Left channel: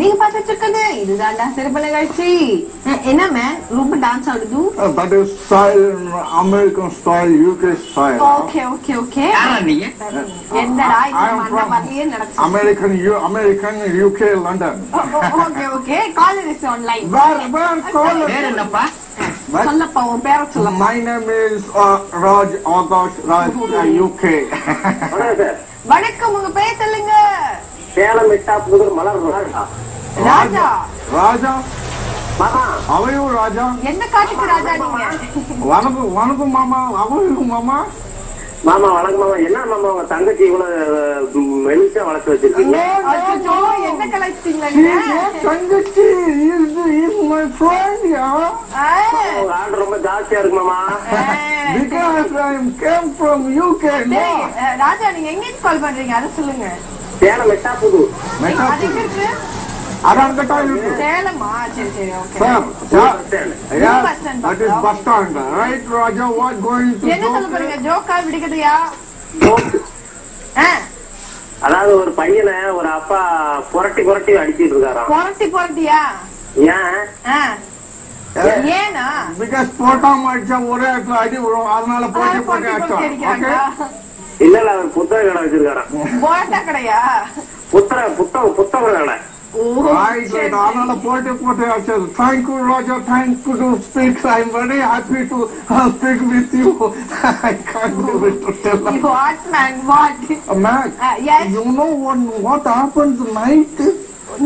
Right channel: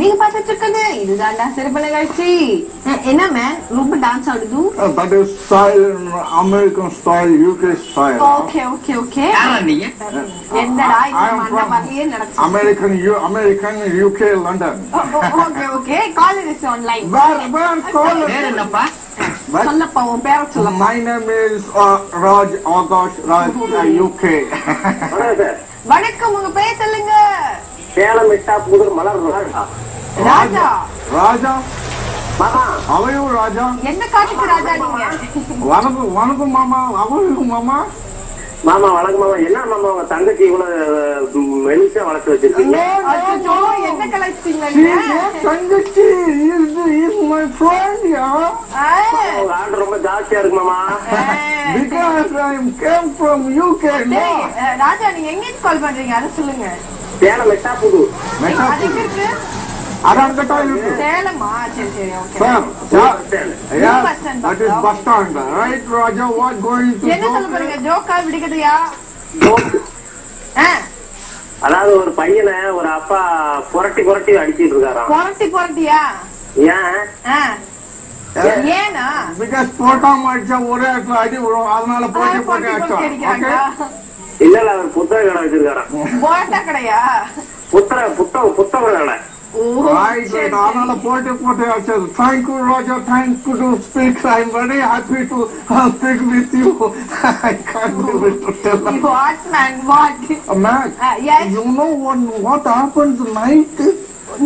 நீங்க பாத்துட்டு இருக்குது இதுதான்டா சிறப்பு நிகழ்ச்சி. என்ன மேன் ரொம்ப டான்ஸ் ஆடுது? That is style, American style, UK style. Okay, okay, okay. என்னடா இந்த மண்ண மாதிரியே நடக்குது. American, UK, London. Okay, okay. Call is online. Where call? பேர் என்னப்பா? சொல்லப்பா உன் பேரை சொல்லப்பா. My name is Raj Akash Raj, UK. வணக்கம், உங்க பேர் சொல்லுங்க. சேலம் மிட்டா புதூர் மலர் ராஜா. ராஜா மாமா அவையோ ராஜா. என்ன காட்டுக்கு ராஜா நீங்க? வணக்கம் மாமா. அவையோ மாமா. மாமா வணக்கம் மாமா. என்ன மாமா உங்க தங்கச்சி இவ்வளவு மெலிசா வளர்த்து வச்சிருக்கீங்க? அச்சோ, என்ன கலெக்டிங்க நீங்க? தங்கச்சி is my friend, yeah. உங்க ஆர்டர் ரொம்ப ஜாஸ்தியா இருக்கு மாமா. Because I came from UK. ராஜா நீங்க எங்க இருந்து கால் பண்றீங்க அதை சொல்லுங்க. சேலம் மிட்டா புதூர். அது எங்க இருக்கு? அதான் கட்டா இருக்கு. சேலமா? சரி சரி, okay. Yeah, that is bus stand, right, Raja? What going to என்ன சொல்ல போறீங்க? ஜோக்கா விடுக்கதையா? அதாவது ஒரு பையனை ஒரு அப்பா புரட்டி புரட்டி அடிச்சிட்டு இருக்காராம். புரட்டியா? ஏன்? ஏனா? Because போட்டாம அடிச்சா ஒரே இடத்துல அடி விழும், அதனால போட்டி அடிச்சா. இல்ல இல்ல அவர் புத்தக கடை வச்சிருக்காராம். போட்டா கடையா? புத்தக கடை. அதனால போட்டி அடிச்சது. Thank you, Raja. Thank you to speak. I'm very happy to speak with you. I can't do it to tell. What, man? What? Man, yes. You know what happens night?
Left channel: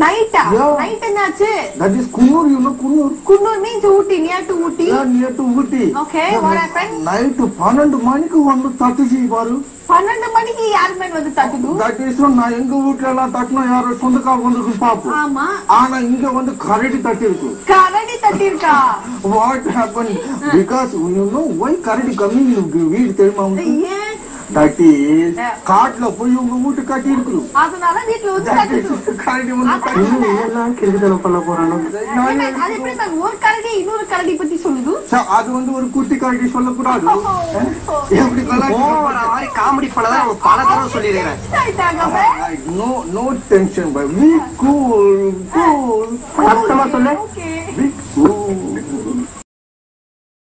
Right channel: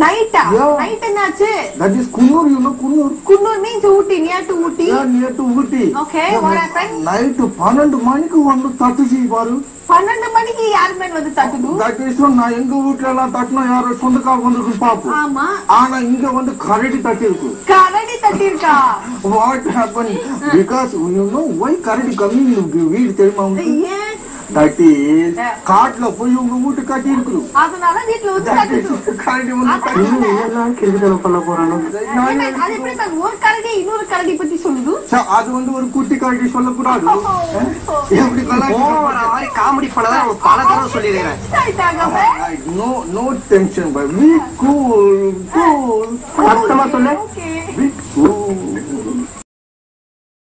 Night? Yeah. Night என்னாச்சு? That is Kunnur, you know Kunnur. Kunnur means Ooty, near to Ooty. Yeah, near to Ooty. Okay, what happened? Night 12 மணிக்கு வந்து தட்டுச்சு பாரு. 12 மணிக்கு யார் man வந்து தட்டுது? That is நான் எங்க வீட்ல எல்லாம் தட்டினா யாரோ சொந்தக்கார வந்து பாப்போம். ஆமா. ஆனா இங்க வந்து கரடி தட்டி இருக்கு. கரடி தட்டி இருக்கா? What happened? Because you know why கரடி coming in வீடு தெரியுமா? Yes. That is காட்டுல போய் உங்க வீட்டு கட்டி இருக்கு. அதனால வீட்ல வந்து தட்டுது. கரடி வந்து தட்டி எல்லாம் கிறுக்குதல பண்ண போறானோ. அது எப்படி மேம் ஒரு கரடி இன்னொரு கரடி பத்தி சொல்லுது? அது வந்து ஒரு குட்டி கரடி சொல்லக்கூடாது. எப்படி மாதிரி காமெடி பண்ணதான் பல தடவை சொல்லிடுறேன். No tension, but be cool. அர்த்தமா சொல்லு. Be cool.